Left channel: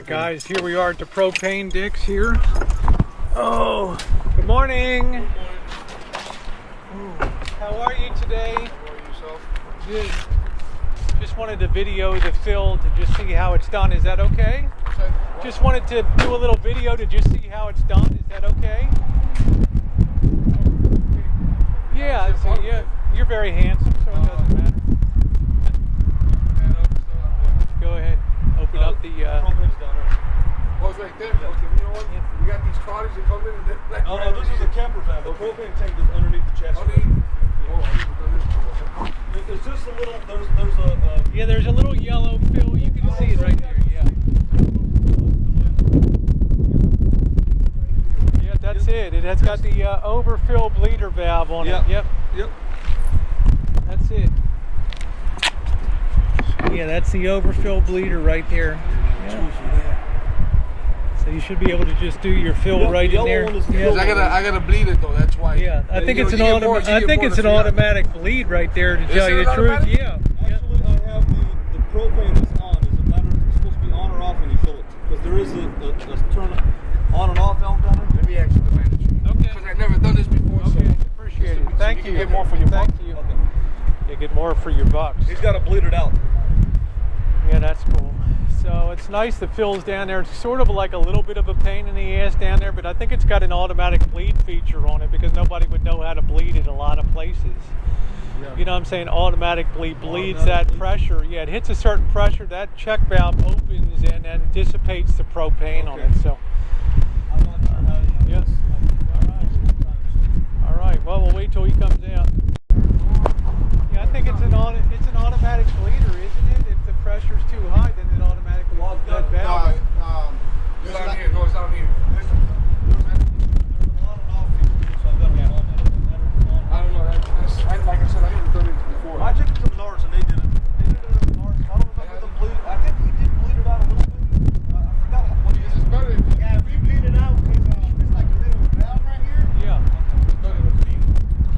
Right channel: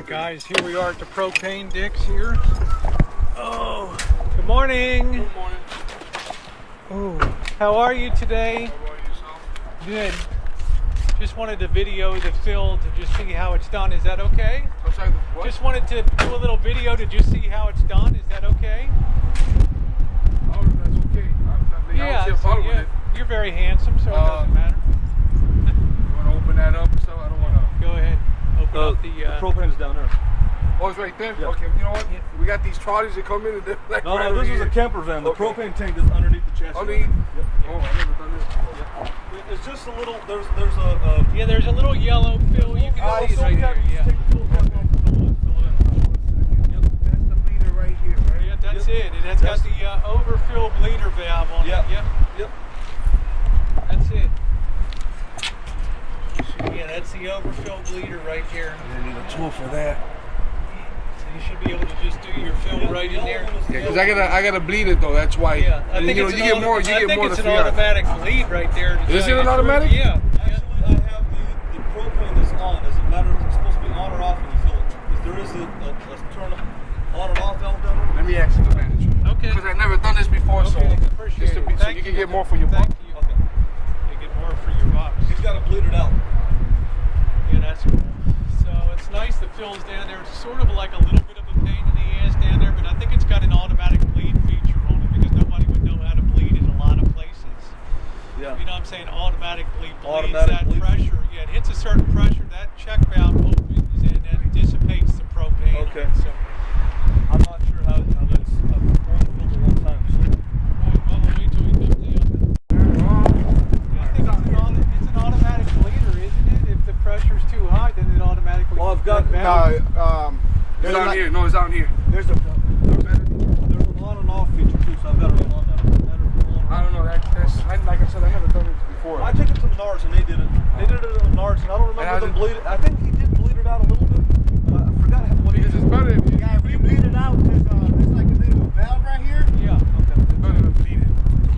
Alright guys, here we are at the propane Dix here. Oh, good morning. Good morning. Ooh, how are you today? How are yourself? Good. Just wanted to video the fill to just see how it's done. Is that okay? What? Just wanted to do a little video to just see how it's done. Is that okay? Oh, that's okay. Yeah, so you're very handsome, so it doesn't matter. You want to open that up? So I don't want to. Go ahead. Open up the propane's down there. Oh, it's right there? Yeah. Okay, you know what? Yeah. We got these trolleys that come in and they're like No, right no, this over is a here. camper van. The Okay. propane tank is underneath the chassis. Underneath? Yep. Oh, I've never done this before. It's just a little. There's a. yeah, there's a little yellow fill. You can see it right there. Yeah. Yeah, that's it. It has got the overfill bleeder valve on Yep. it. Yep. Yep. That's it. Yeah, that's the overfill bleeder right there. Tool for that. So you should be able to just do your fill Yep, right the in there. yellow one is the Because I gotta bleed it though. That's why. Yeah, I think it's an automatic bleed right there. To Is tell it you an the truth. automatic? Yeah. Actually, I have the propane is on. Does it matter? It's supposed to be on or off when you fill it? Because there is a turn on and off valve down there. Let me ask the manager. Okay. Because I've never done this before, Okay, so appreciate it. Thank you you. can get more for your buck. Thank you. Okay. You get more for your bucks. He's got to bleed it out. Yeah, that's cool. So it's nice the fill's down there. It's sort of like a little bit of a pain in the ass down there, but I think it's got an automatic bleed feature on it because nobody would know how to bleed in a lot of places. Yeah. You know what I'm saying? Automatically bleeds Automatic that bleeds. pressure. Yeah, it hits a certain pressure, that check valve opens and then dissipates the propane on Okay. it. So, I'm not sure how. yes. One time. All right. Well, we'll wait till he comes out. Yeah, I think it's an automatic bleeder, isn't it? If the pressure's too high, then it automatically. Well, I've got- that valve. It's down here. No, it's down here. There's a on and off feature too, so I've got to on that. I don't know. Like I said, I never done it before. I took it to Menards and they did it. They did it at Menards, and I don't remember them bleeding. I think he did bleed it out a little bit. I forgot what he Because did. it's better if you Yeah, if you bleed it out, there's like a bit of a valve right here. Yeah.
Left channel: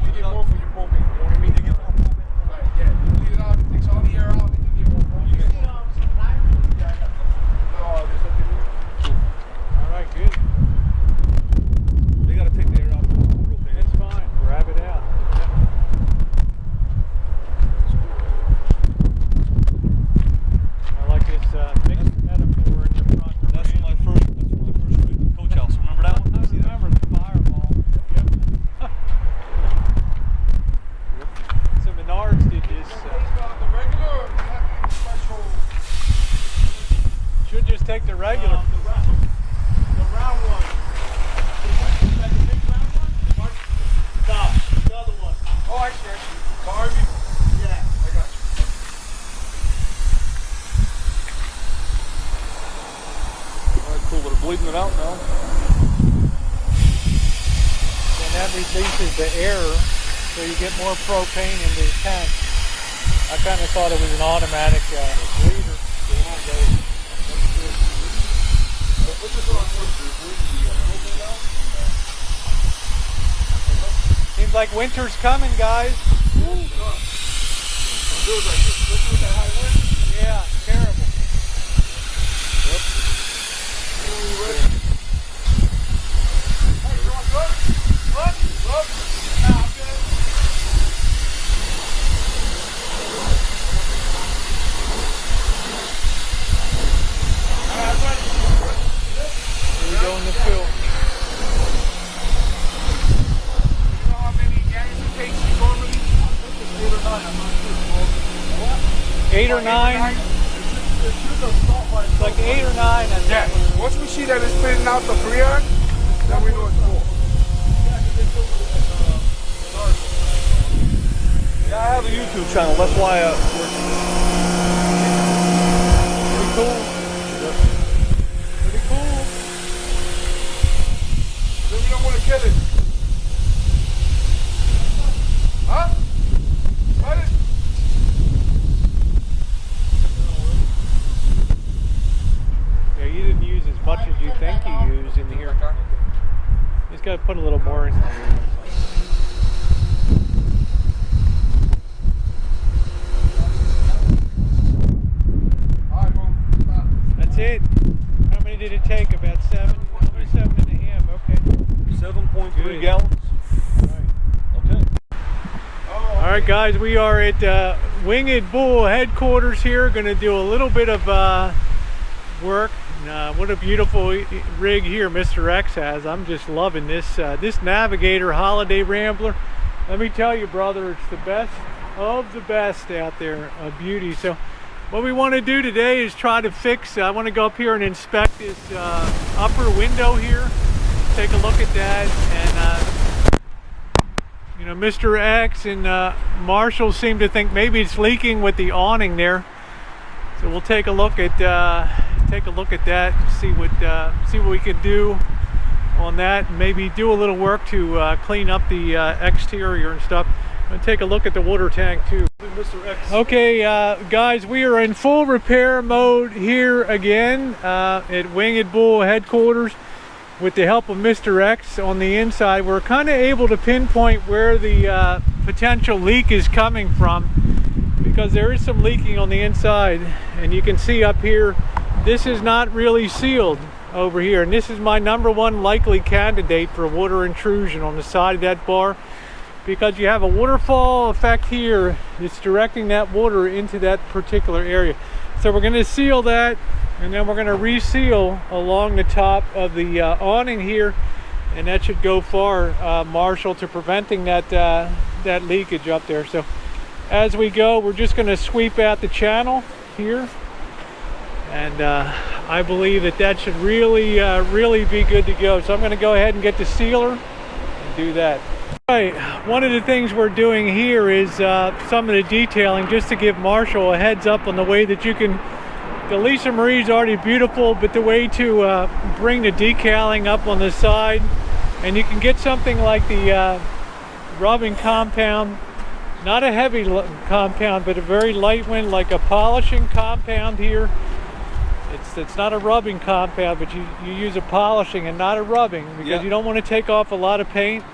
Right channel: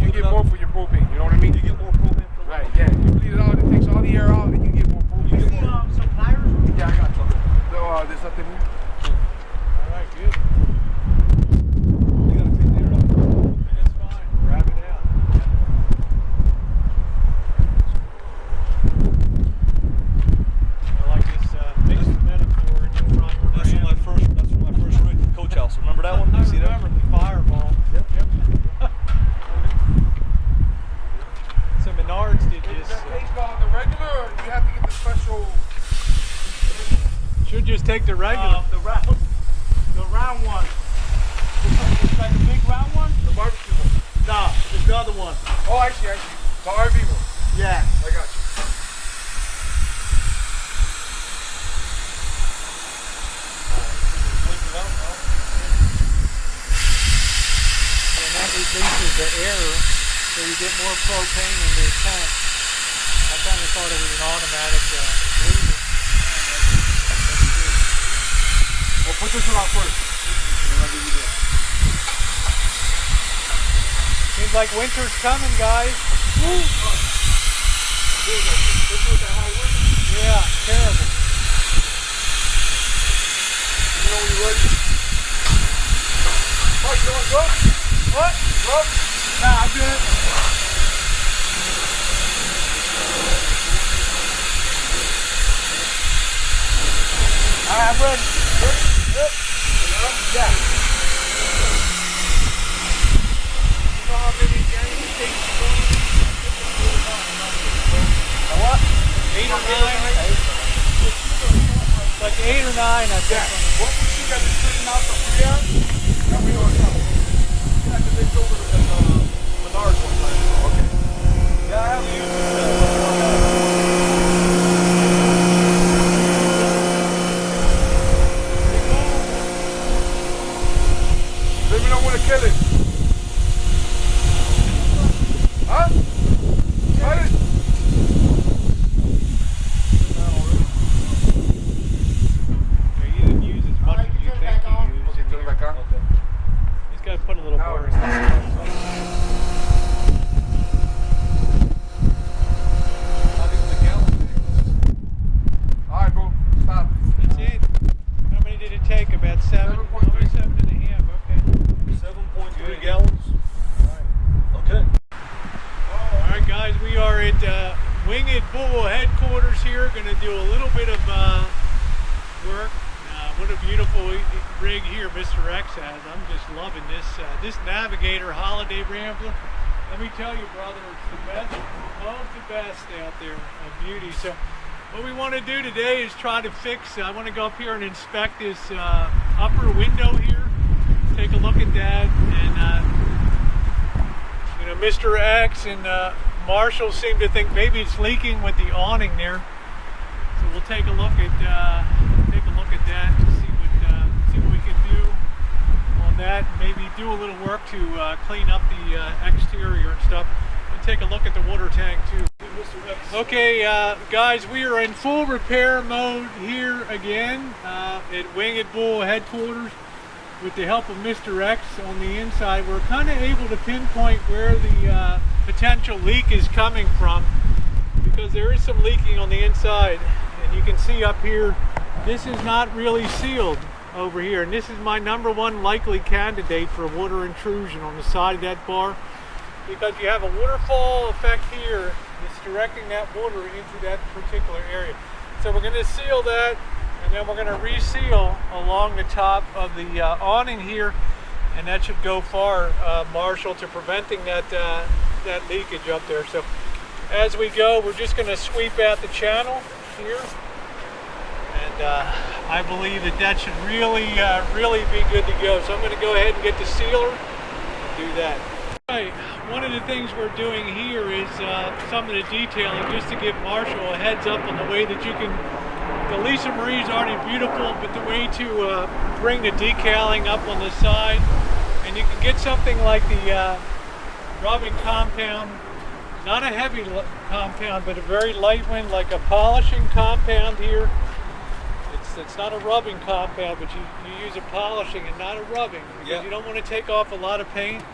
You get more for your propane. You know what I mean? You get more propane. Right. Yeah. You bleed it out. It takes all the air out, and you get more propane. You get more. Some pliers. Yeah, I got you. So, there's nothing here. All right. Good. You got to take the air out. Propane. That's fine. Grab it out. I like this mixed metaphor in the front. That's from my first rig, the coach house. Remember that one? I You see that? remember the fireball. Yep. So Menards did this. It's called the regular, or you have to get the special. Should just take the regular. The round one. Like the big round one? The barbecue one. Nah, it's the other one. Oh, actually, the RV one. Yeah. I got you. Alright, cool. We're bleeding it out now. And that releases the air, so you get more propane into the tank. I kind of thought it was an automatic bleeder. Well, put this one on first. Seems like winter's coming, guys. Woo. Yeah, terrible. What? Look. Nah, I'm good. Alright, I'm ready. Here we go in the field. You know how many games it takes to go to what? 8 or 9. It's like 8 or 9, I Yeah. think. Once we see that it's thinning out the free air, then we go slow. Yeah, because it's over the Menards one. Okay. Yeah, I have a YouTube channel. That's why. Pretty cool. Then we don't want to kill it. Huh? Cut it. Yeah, you didn't use as much as you think you used in here. Like that? He's got to put a little more in. right, guys, we are at Winged Bull headquarters here. Going to do a little bit of work. What a beautiful rig here Mr. X has. I'm just loving this this Navigator Holiday Rambler. Let me tell you, brother, it's the best of the best out there, a beauty. So what we want to do today is try to fix, I want to go up here and inspect this upper window here, take a look at that, and you know, Mr. X and Marshall seem to think maybe it's leaking with the awning there. So we'll take a look at that, see what we can do on that, and maybe do a little work to clean up the exterior and stuff. I'm gonna take a look at the water tank too. Mr. X. Okay, guys, we are in full repair mode here again at Winged Bull headquarters. With the help of Mr. X on the inside, we're kind of able to pinpoint where the potential leak is coming from, because there is some leaking on the inside, and you can see up here this is not really sealed over here, and this is my #1 likely candidate for water intrusion on the side of that bar, because you have a waterfall effect here that's directing that water into that particular area. So we're going to seal that, and then we're going to reseal along the top of the awning here, and that should go far, Marshall, to preventing that that leakage up there. So as we go, we're just going to sweep out the channel here, and I believe that should really really be good to go. So I'm going to go ahead and get the sealer and do that. Right, one of the things we're doing here is some of the detailing, just to give Marshall a heads up on the way that you can. The Lisa Marie's already beautiful, but the way to bring the decaling up on the side, and you can get something like the rubbing compound, not a heavy compound, but a very light one, like a polishing compound here. It's not a rubbing compound, but you use a polishing and not a rubbing, because you don't want to take off a lot of paint.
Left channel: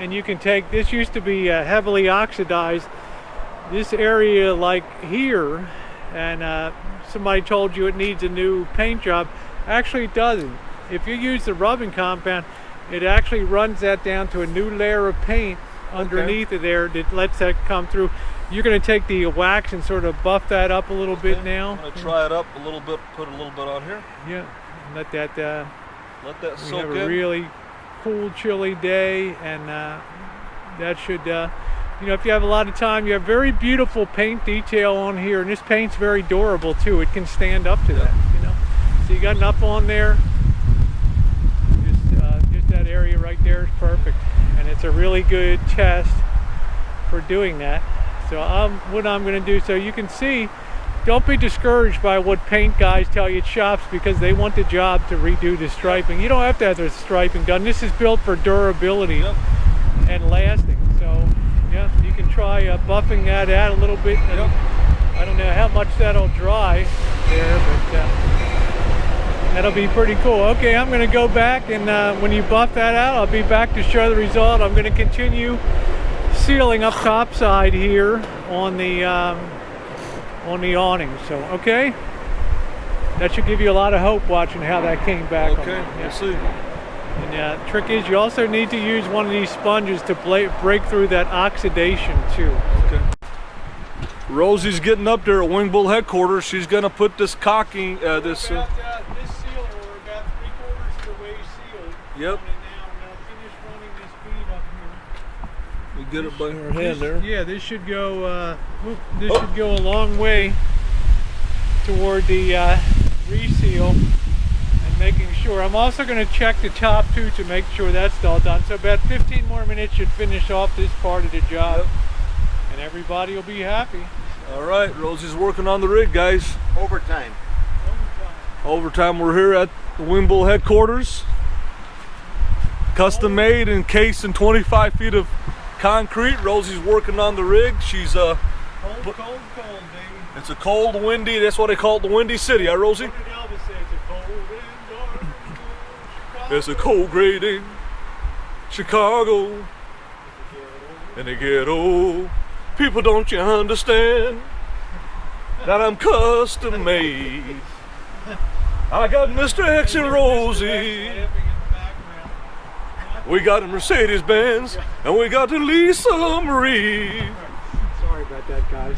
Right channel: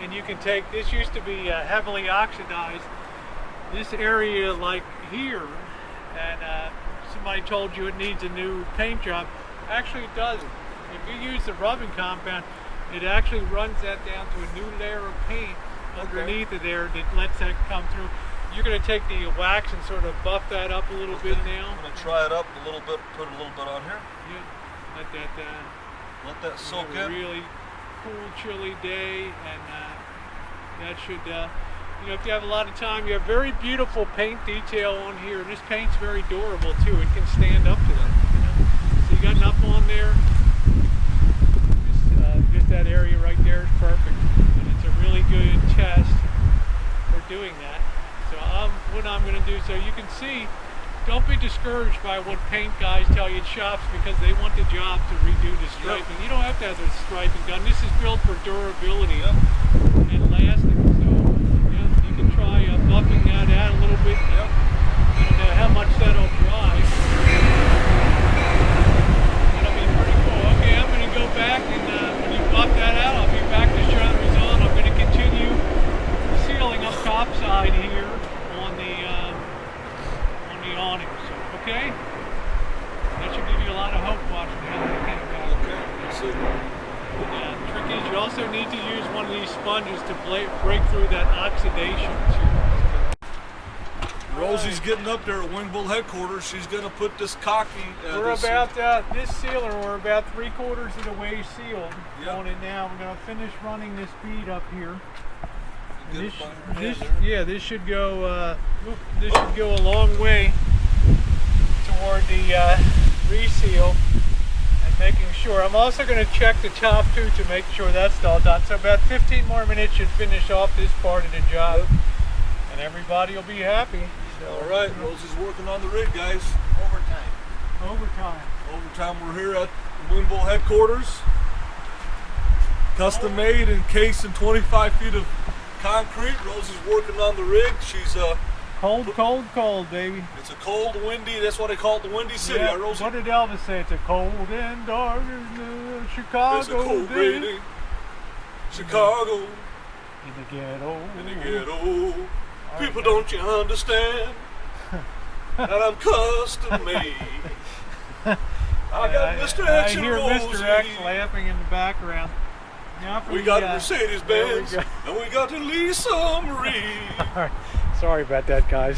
And you can take, this used to be heavily oxidized, this area like here, and somebody told you it needs a new paint job. Actually it doesn't. If you use the rubbing compound, it actually runs that down to a new layer of paint underneath it there that lets that come through. You're going to take the wax and sort of buff that up a little bit now. I'm going to try it up a little bit, put a little bit on here. Yeah, let that soak in. Have a really cool, chilly day, and that should, you know, if you have a lot of time, you have very beautiful paint detail on here, and this paint's very durable too. It can stand up to that, you know. So you got enough on there. Just that area right there is perfect, and it's a really good test for doing that. So what I'm going to do, so you can see, don't be discouraged by what paint guys tell you at shops, because they want the job to redo the striping. You don't have to have the striping done. This is built for durability and lasting. So yeah, you can try buffing that out a little bit. And I don't know how much that'll dry. That'll be pretty cool. Okay, I'm going to go back, and when you buff that out, I'll be back to show the result. I'm going to continue sealing up top side here on the awning. So okay, that should give you a lot of hope watching how that came back. Okay, we'll see. And the trick is you also need to use one of these sponges to break through that oxidation too. Okay. Rosie's getting up there at Winged Bull headquarters. She's going to put this caulking. This sealer, we're about 3/4 of the way sealed on it now. I'm going to finish running this bead up here. You get it by her hand there. Yeah, this should go. This should go a long way toward the reseal and making sure. I'm also going to check the top too to make sure that's all done. So about 15 more minutes should finish off this part of the job, and everybody will be happy. So, all right, Rosie's working on the rig, guys. Overtime. Overtime. We're here at the Winged Bull headquarters. Custom made, encased in 25 feet of concrete. Rosie's working on the rig. She's cold, baby. It's a cold, windy. That's why they call it the Windy City, huh, Rosie? What did Elvis say? It's a cold and dark Chicago. It's a cold, rainy Chicago. In the ghetto. People, don't you understand that I'm custom made? I got Mr. X and Rosie. Mr. X laughing in the background. We got a Mercedes Benz, and we got the Lisa Marie. All right. Sorry about that, guys.